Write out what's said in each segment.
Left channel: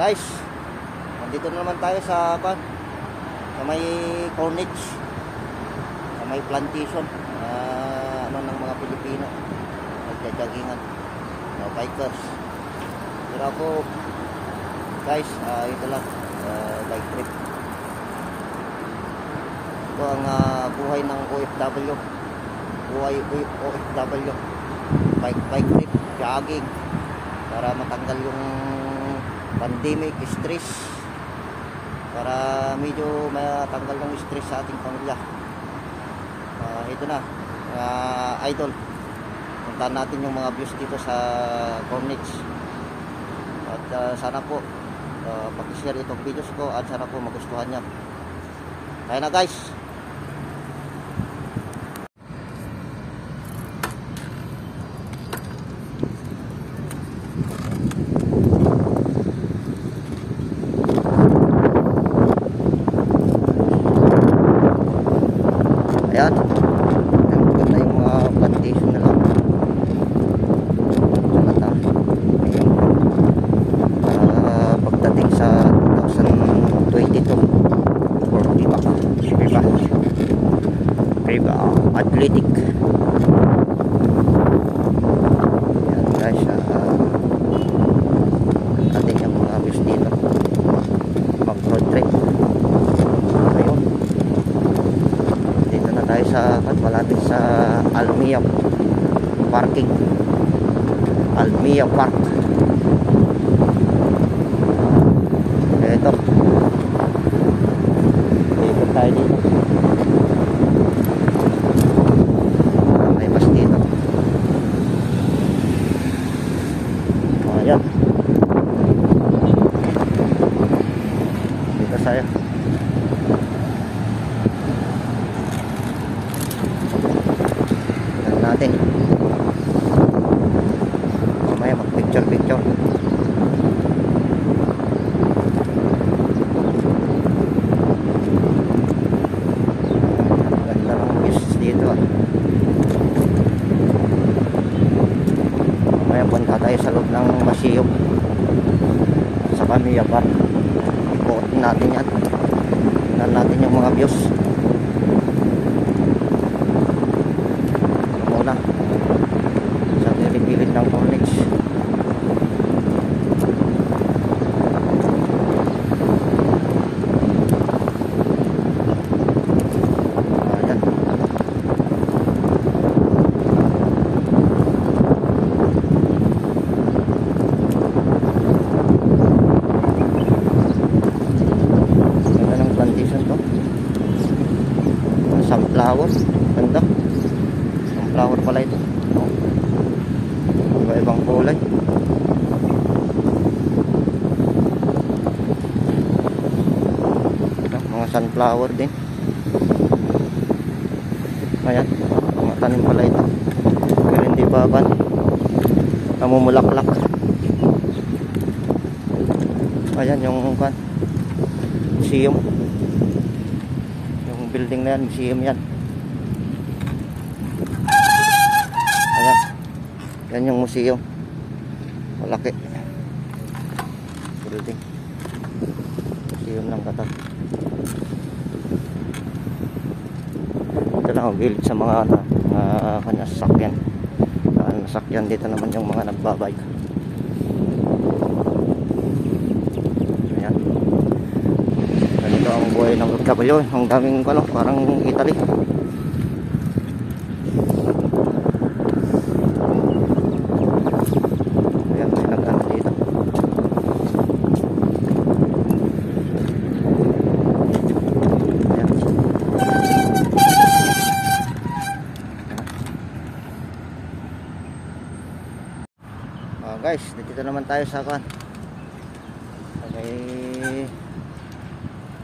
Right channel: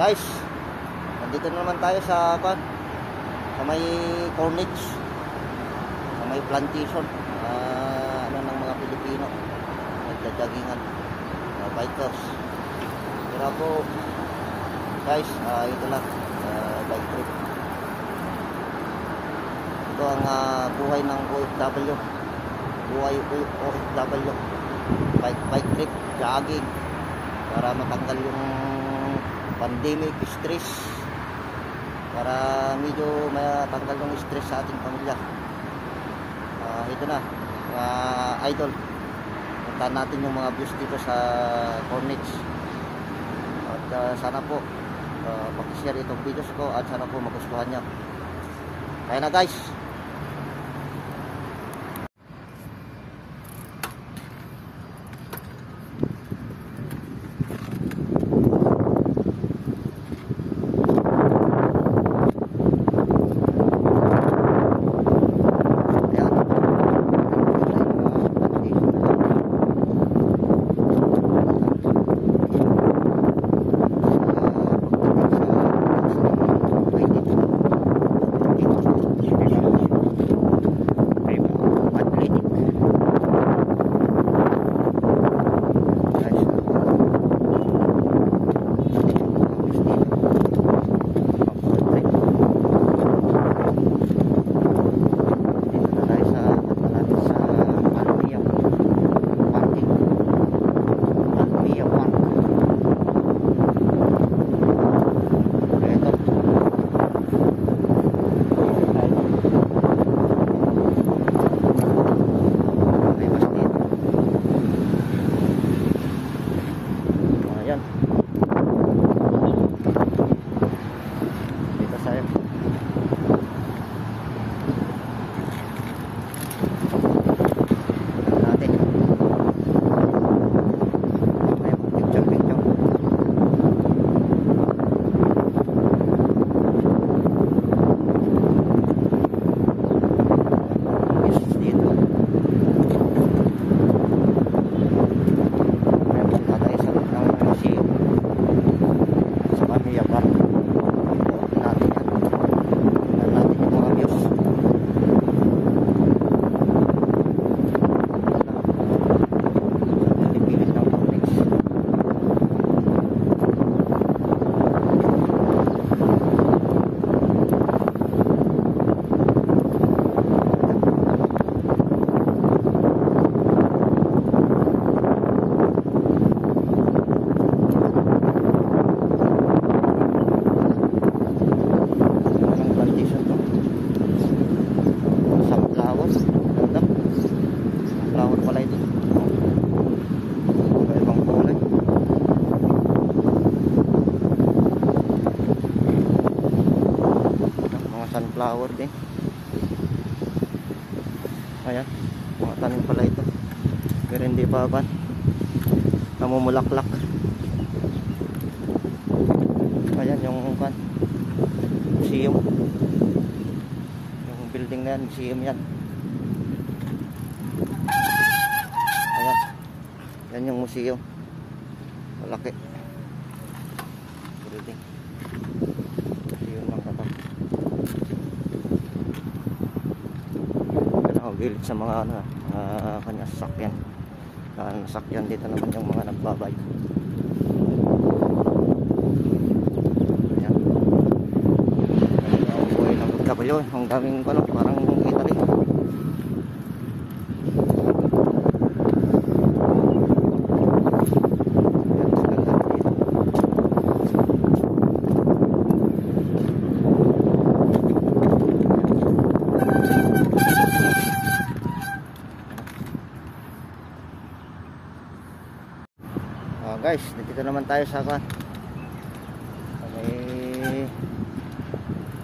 Guys, nandito na naman tayo sa may Corniche, sa may plantation ng mga Pilipino, nagja-joggingan, bikers. Pero po guys, ito lang, bike trip. Ito ang buhay ng OFW, bike trip, jogging, para matanggal yung pandemic stress, para medyo matanggal yung stress sa ating pamilya. Ito na mga idol, puntahan natin yung mga views dito sa Corniche. At sana po pakishare itong videos ko at sana po magustuhan nyo. Kaya na guys. Athletic. Yan guys, ating yung mga views dito, mag-road trip. Ayun, dito na tayo sa malapit sa Almia parking, Almia Park. Ito, dito tayo dito. Dito saya. Tignan natin. Mamaya mag-picture. Ganda ng views dito. Mamaya punta tayo sa loob ng museum sa Almia Park. Ikutin natin yan. Tignan natin yung mga views. Muna sa gilid-gilid ng Corniche. Ayan. Sunflower, ganda. Sunflower pala ito. Iba-ibang kulay. Mga sunflower din. Ayan, mga tanim pala ito. Pero hindi pa ba namumulaklak. Ayan yung museum. Building na yan, museum yan. Ayan, yan yung museum, malaki building, museum ng Qatar. Ito lang ang village sa mga kanya sasakyan. Nasakyan dito naman yung mga nagbabike. Ng OFW, ang daming parang Italy. Ayan, sinagdan dito. Ayan. Guys, dito naman tayo sa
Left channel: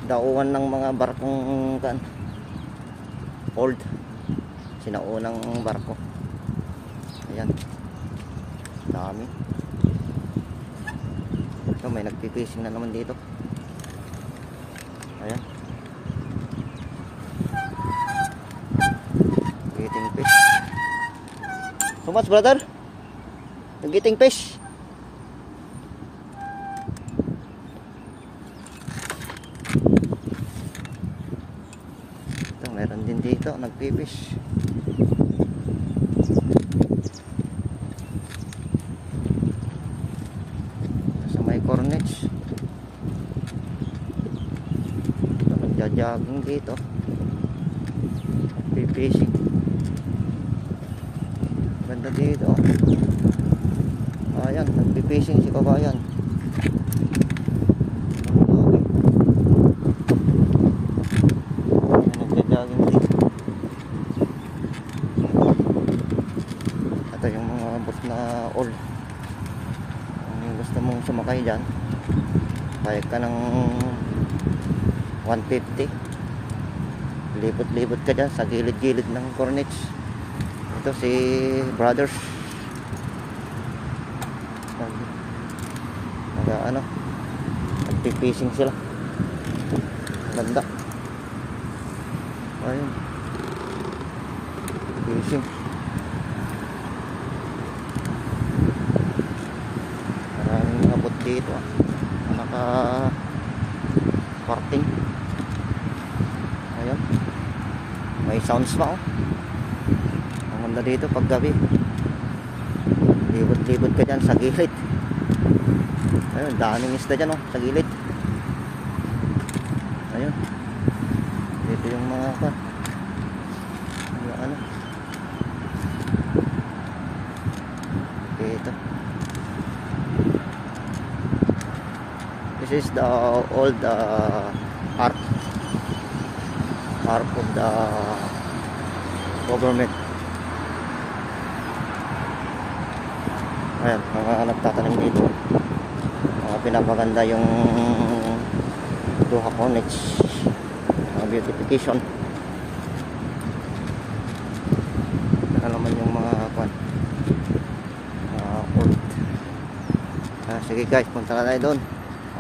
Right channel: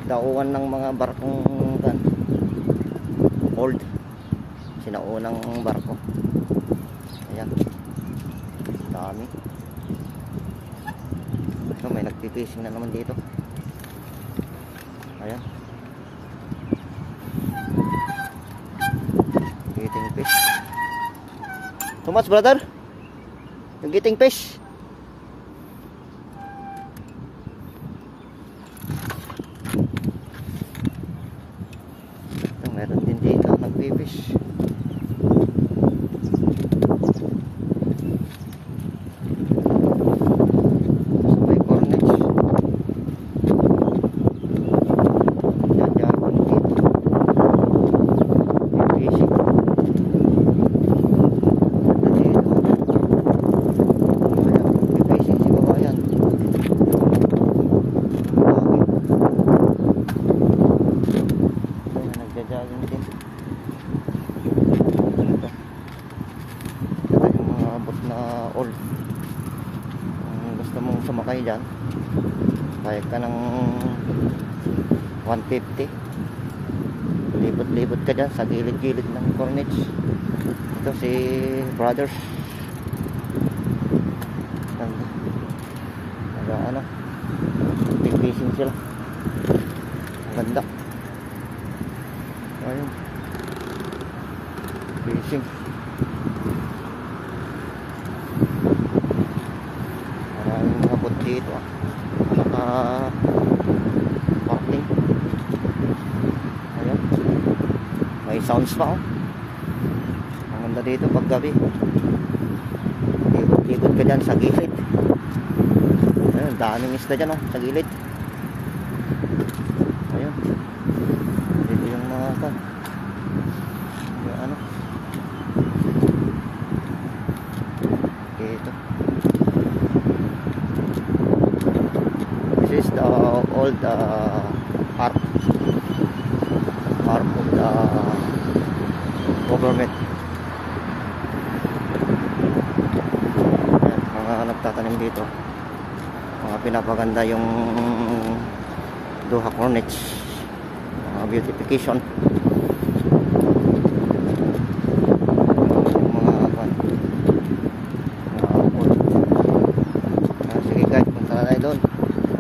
daungan ng mga barkong old, sinaunang barko. Ayan, dami. So, may nagpipishing na naman dito. Ayan, getting fish. So much, brother? Getting fish. gusto mong sumakay dyan, bayad ka ng 150. Libot-libot ka dyan sa gilid-gilid ng Cornets. Ito si Brothers. Ano, nagpipishing sila. Ang ganda. Ayun, fishing. Maraming mga boat dito, naka parking. Ayun, may sounds pa, oh. Ang ganda dito pag gabi. Libot-libot ka dyan sa gilid. Ayun, daming isda dyan, oh, sa gilid. Ayun, dito yung mga yung ano dito. This is the old harp of the government. Ayan, mga nagtatanim dito, mga pinapaganda yung Doha Cornets, mga beautification. Ano yung mga port. Sige guys, punta na tayo doon,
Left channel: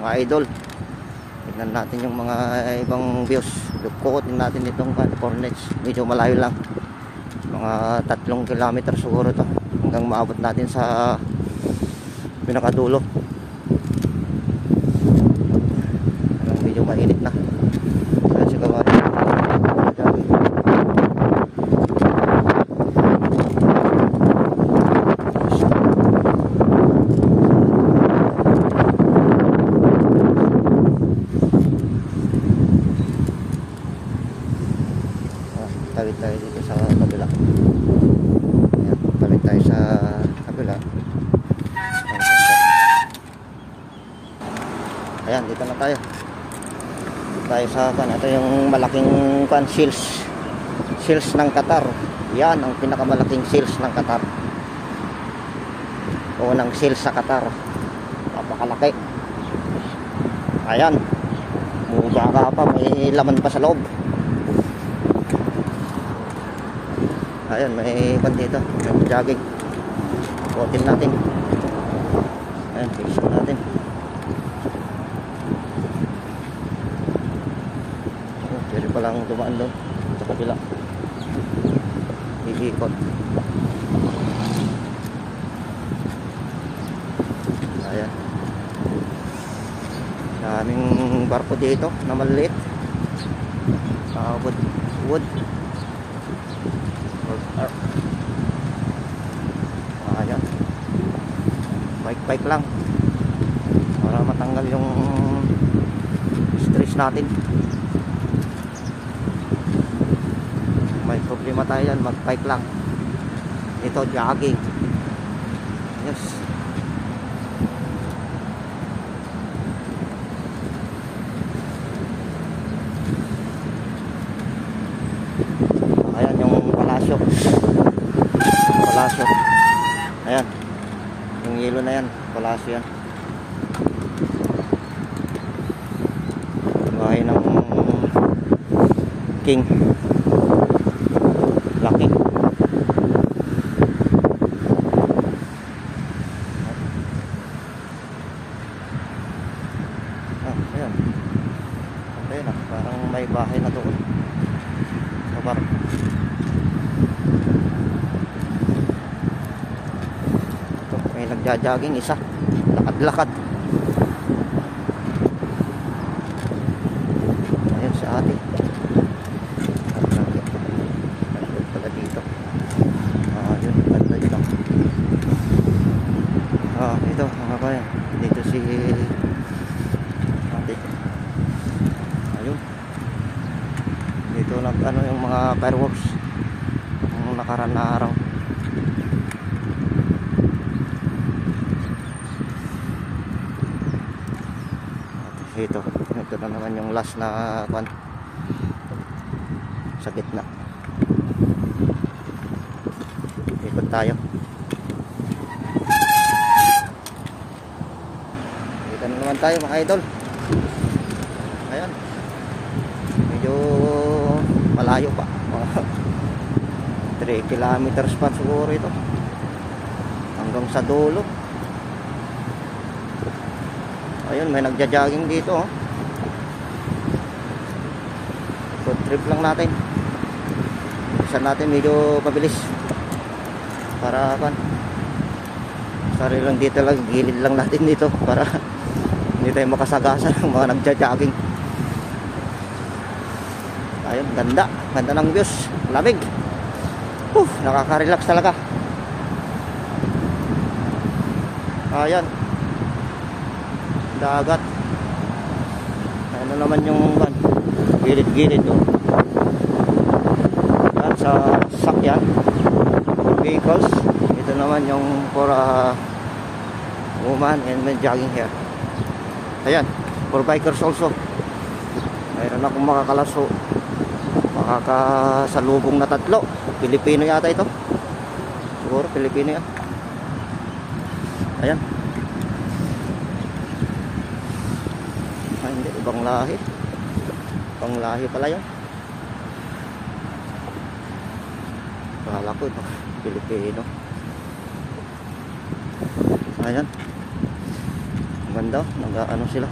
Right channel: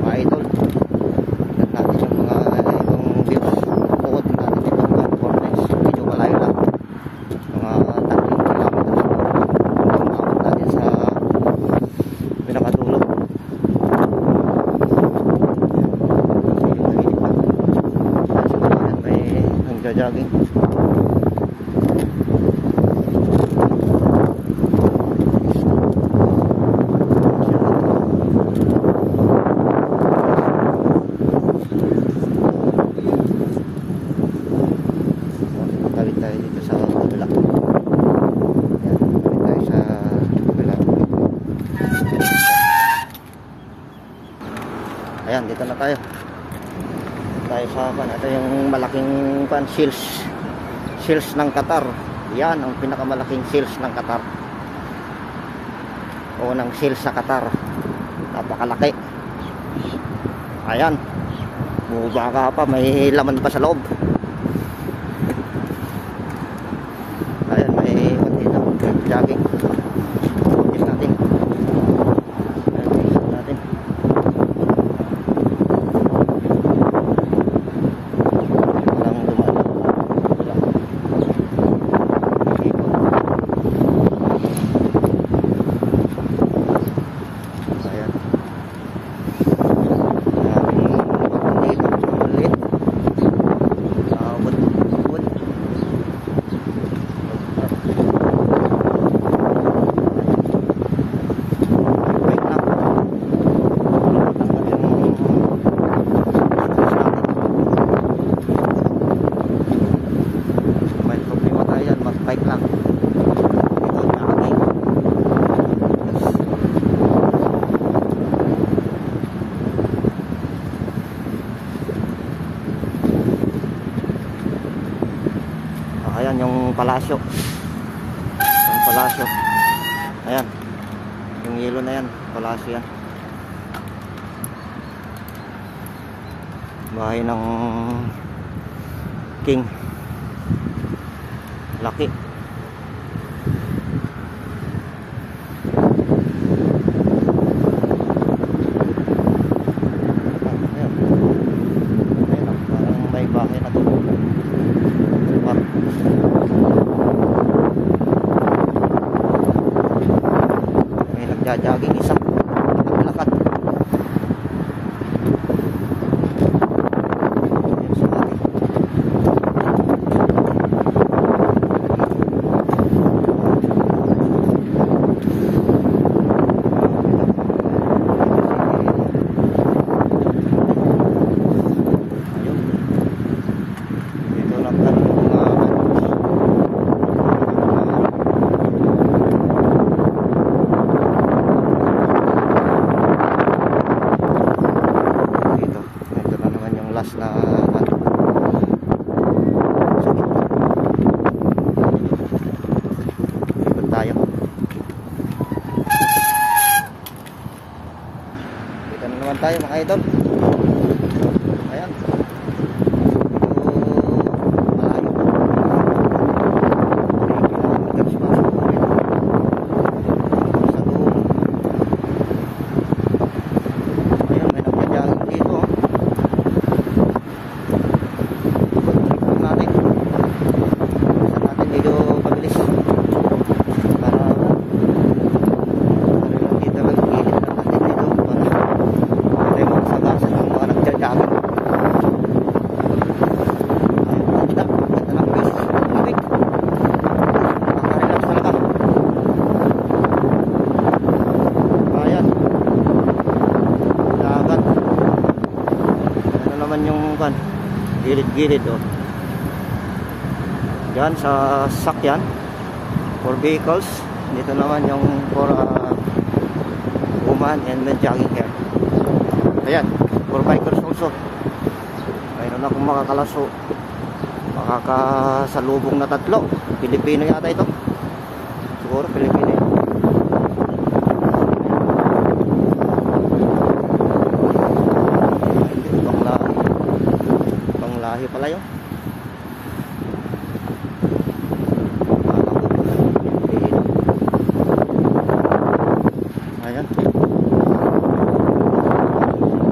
mga idol. Tignan natin yung mga ibang views. Bukod natin itong Cornets, medyo malayo lang, mga 3 kilometer siguro ito, hanggang maabot natin sa pinakadulo. Medyo mainit na dahil siguro natin may jogging. Tawid tayo dito sa kabila. Ayan, tawid tayo sa kabila. Ayan, dito na tayo. Tayo sa ito yung malaking shields ng Qatar. Yan ang pinakamalaking shields ng Qatar. Unang shields sa Qatar. Napakalaki. Ayan, baka pa, may laman pa sa loob. Ayan, may dito, may jogging. Butin natin. Ayan, isa natin. Kasi palang dumaan lang sa kabila. Isikot. Ayan. Daming barko dito na maliit. Wood. Ayan. Bike lang para matanggal yung stress natin. May problema tayo yan, mag-bike lang. Ito, jogging. Yes. Ayan yung palasyo. Ayan, yung yelo na yan, palasyo yan. Bahay ng king. Laki. Ayan. Ayan, parang may bahay na to. Lugar. May nagjajaging isa, lakad-lakad. Ayan sa atin. Dito. Dito, kamakaya. Dito si ayun. Dito lang yung mga fireworks. Last na sa gitna. Ikot tayo. Dito na naman tayo mga idol. Ayan. Medyo malayo pa. 3 kilometers pa siguro ito. Hanggang sa dulo. Ayun, may nagja-jogging dito. Oh. Good trip lang natin. Isa natin medyo pabilis. Para ba? Sari lang dito lang, gilid lang natin dito para hindi tayo makasagasa ng mga nagja-jogging. Ayun, ganda. Ganda ng views. Lamig. Nakaka-relax talaga. Ayan. Dagat. Ayan na naman yung gilid-gilid. Oh. Yan sa sakyan for vehicles. Ito naman yung for woman and men jogging here. Ayan, for bikers also. Mayroon akong makakasalubong na 3. Pilipino yata ito. Siguro Pilipino yan. Ayan. Hindi, ibang lahi. Ibang lahi pala yun. Akala ko Pilipino. Ayan. Ganda. Ano sila.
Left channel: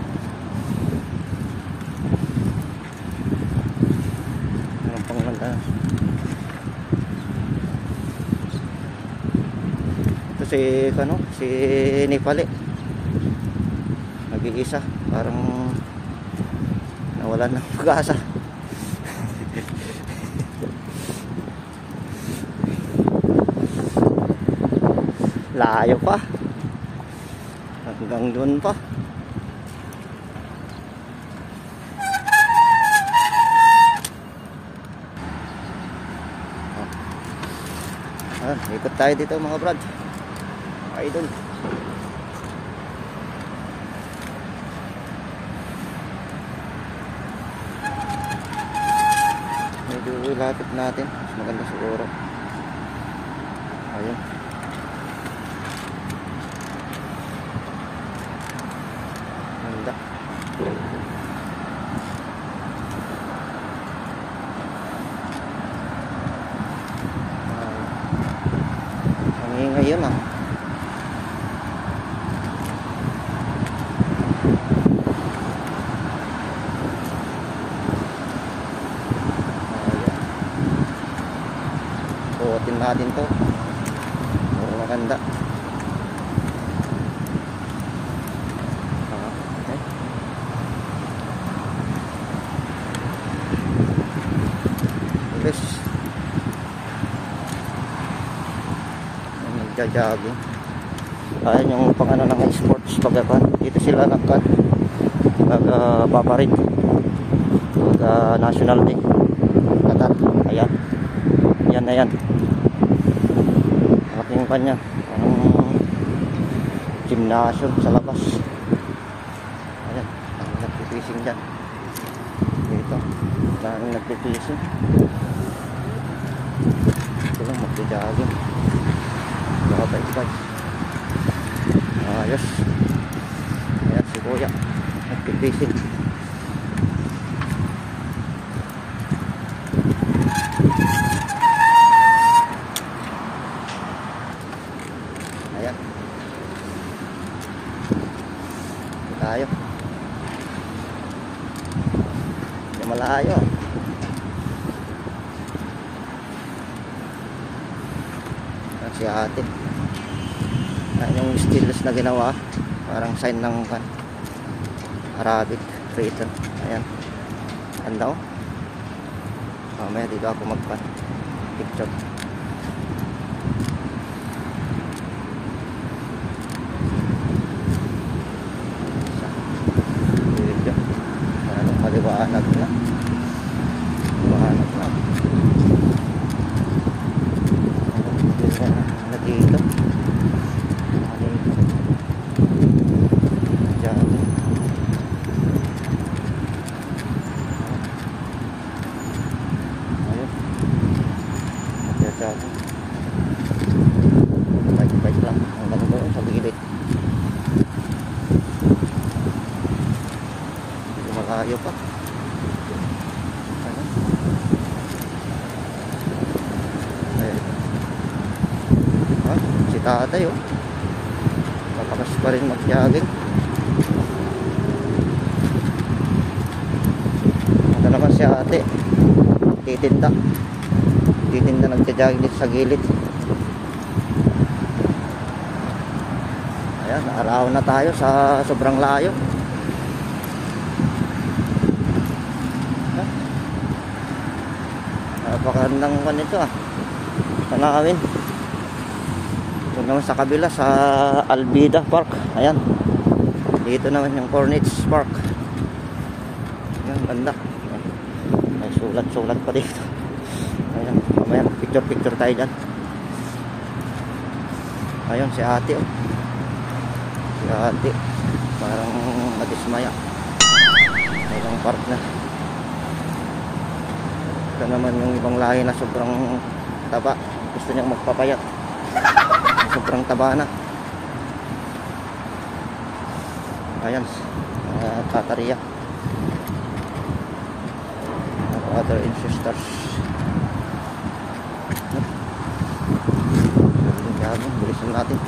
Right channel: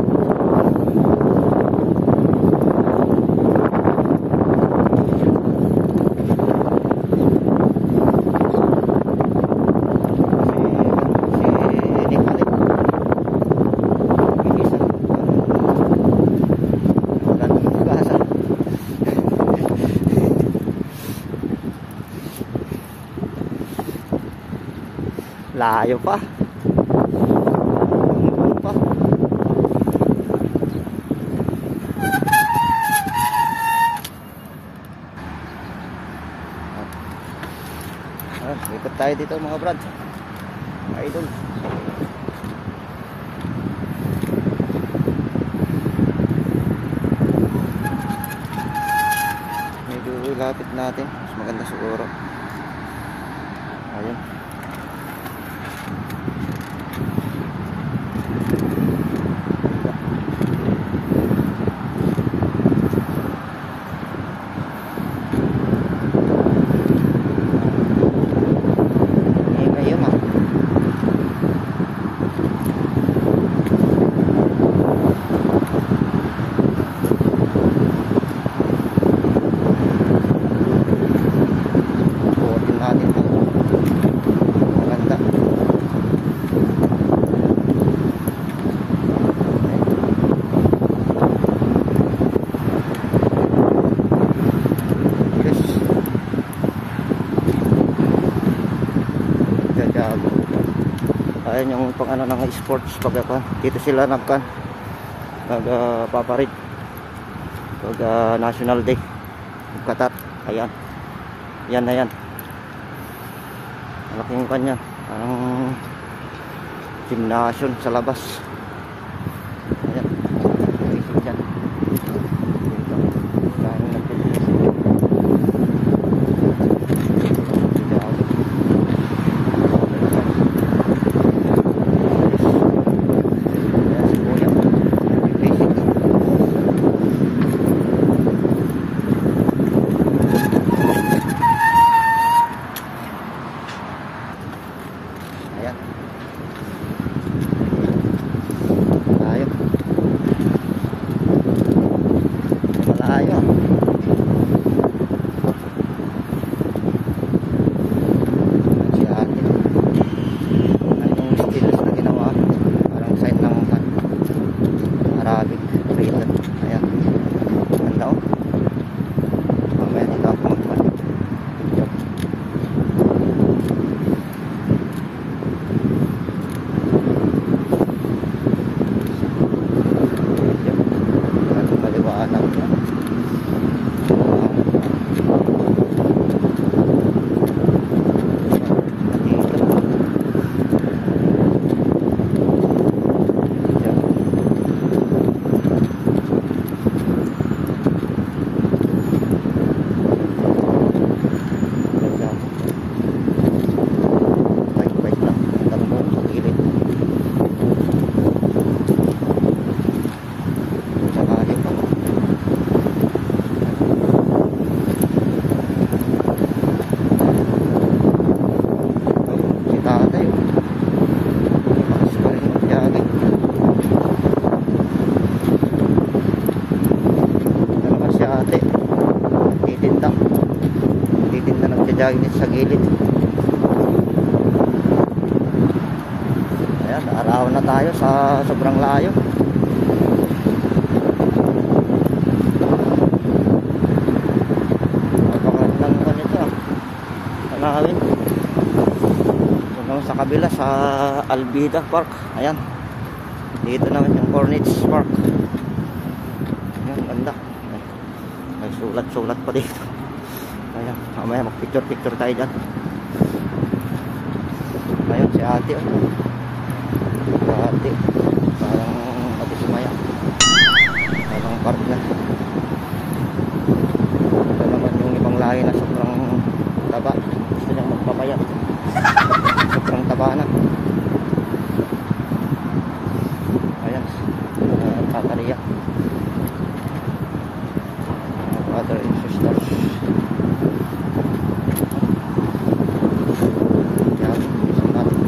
Balik bigisan, parang nawalan ng pag-asa. Layo pa hanggang doon pa. Ikot tayo dito mga brad, mga idol. Lapit natin, mas maganda siguro. Ayun. Ganda. Ngayon natin to maganda. Yes, jajago. Ayan yung pang ano ng sports pagkakan. Dito sila nagbabarig pag National Day Qatar. Ayan, yan na yan. Malaking kanya, parang gymnasium sa labas. Ayan, nagtipising dyan. Dito, parang nagtipising. Nagtipising. Nakapalipad. Ayos. Ayan si Kuya, nagtipising. Ayan. Tayo. Hindi malayo. Ayan si ate. Ayan yung stilos na ginawa. Parang sign ng Arabic written. Ayan. Ganda oh. Mamaya dito ako picture. Maliwanag na. Maliwanag na. Dito. Diyan. Diyan. Bike lang. Hanggang doon sa gilid. tatay, oh. Matakas pa rin mag-jogging. Ito naman si ate, titinda nagja-jogging dito sa gilid. Ayan, araw na tayo sa sobrang layo. Napakandang ganito, tanawin. Doon naman sa kabila sa Albida Park. Ayan, dito naman yung Corniche Park. Ayan, ganda. May sulat-sulat pa dito. Ayan, mamaya mag-picture tayo dyan. Ayun si ate, oh. Si ate parang nadismaya, parang partner. Ito naman yung ibang lahi na sobrang taba, gusto niyang magpapayat. Sobrang taba na. Ayan, tatariya, brother and sisters. Yakin, bilisan natin.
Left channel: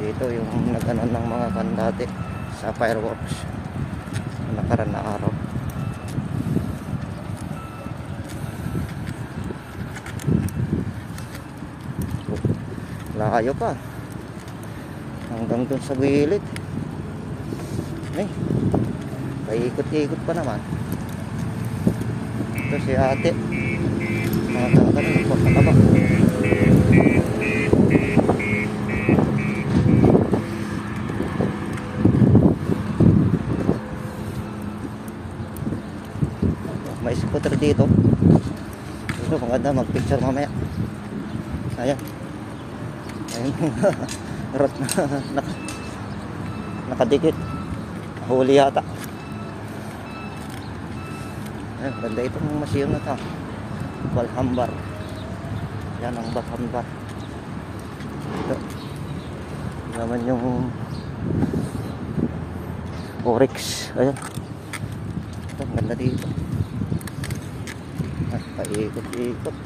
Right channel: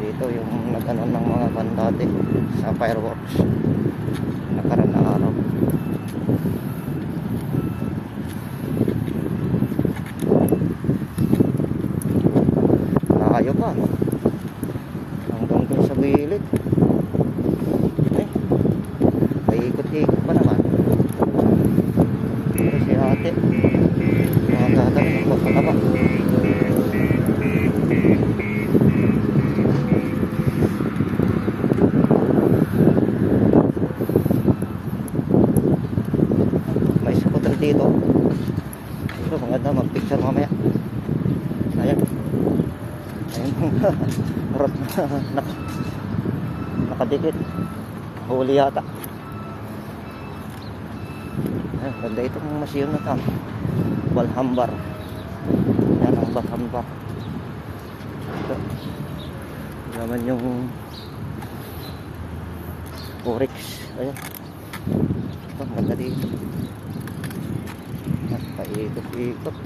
Dito yung nag-ano ng mga kandate sa fireworks nakaraan na araw. Layo pa hanggang dun sa gilid. Ay, paikot-ikot pa naman. Ito si ate, mga tatanong nagpapakaba. May scooter dito. Ito, maganda mag-picture mamaya. Ayan. Ayun mga rot na nakadikit. Huli yata. Ayun, ganda itong museum na ito. Balhambar. Yan ang Balhambar. Ito. Ito naman yung Oryx. Ayun. Ito, ang ganda dito. At paikot-ikot.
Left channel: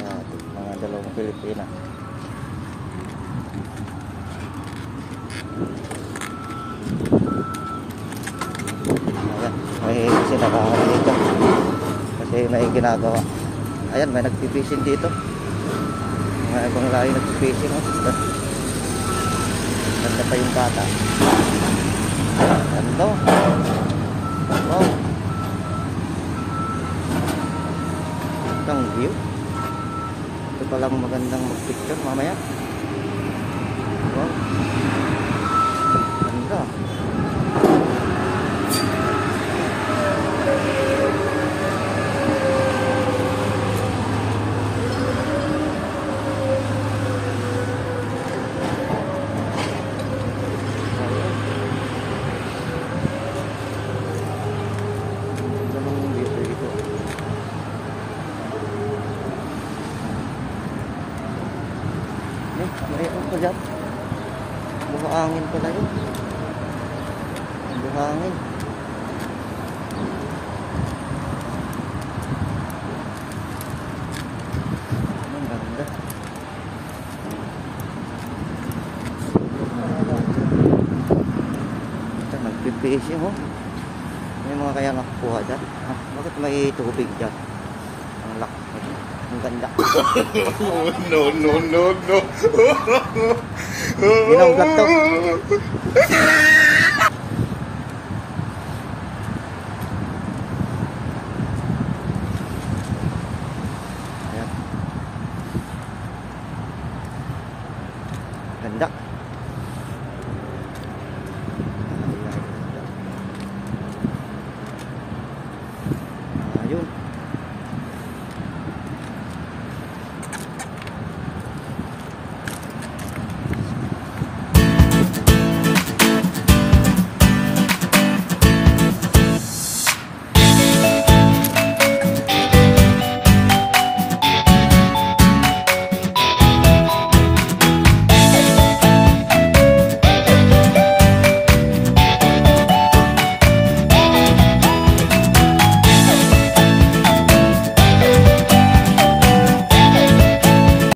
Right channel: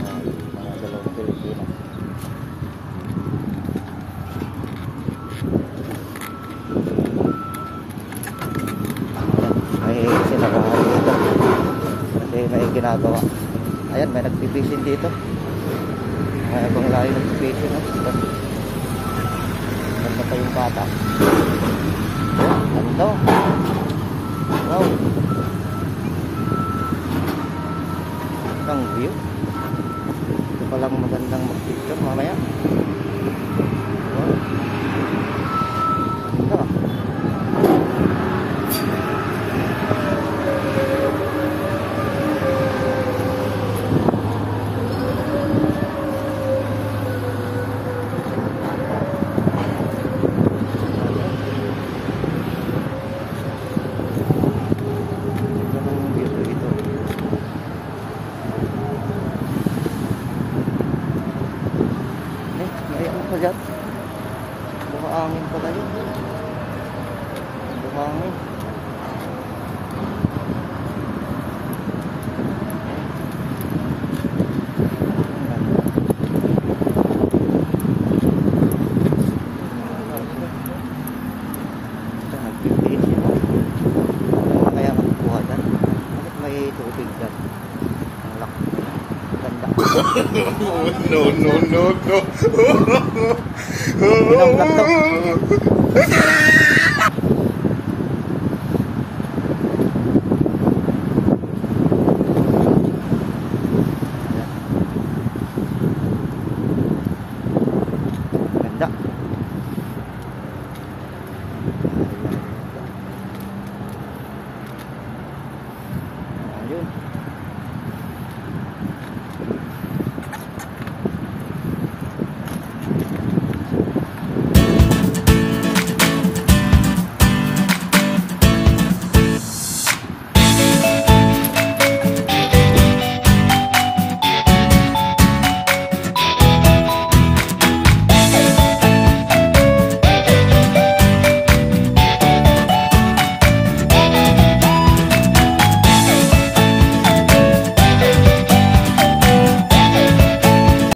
Yan, mga dalawang Pilipinas. Ayan, may sinarahan dito kasi may ginagawa. Ayan, may nagpipising dito. Mga ibang lahi nagpipising, oh. Ganda pa yung bata. Ayan, ganda. Wow. Ang view. Ito palang magandang mag-picture mamaya. Wow. Ganda. May ano pa dyan? Buhangin pala yun. Buhangin. Ang ganda. Ito, nagpipisi mo. Ano mga kaya nakukuha dyan? Bakit may tubig dyan? Ang laki. Ang ganda. No, no, no, no. Binanggat to. Ayan. Ganda. Ayun.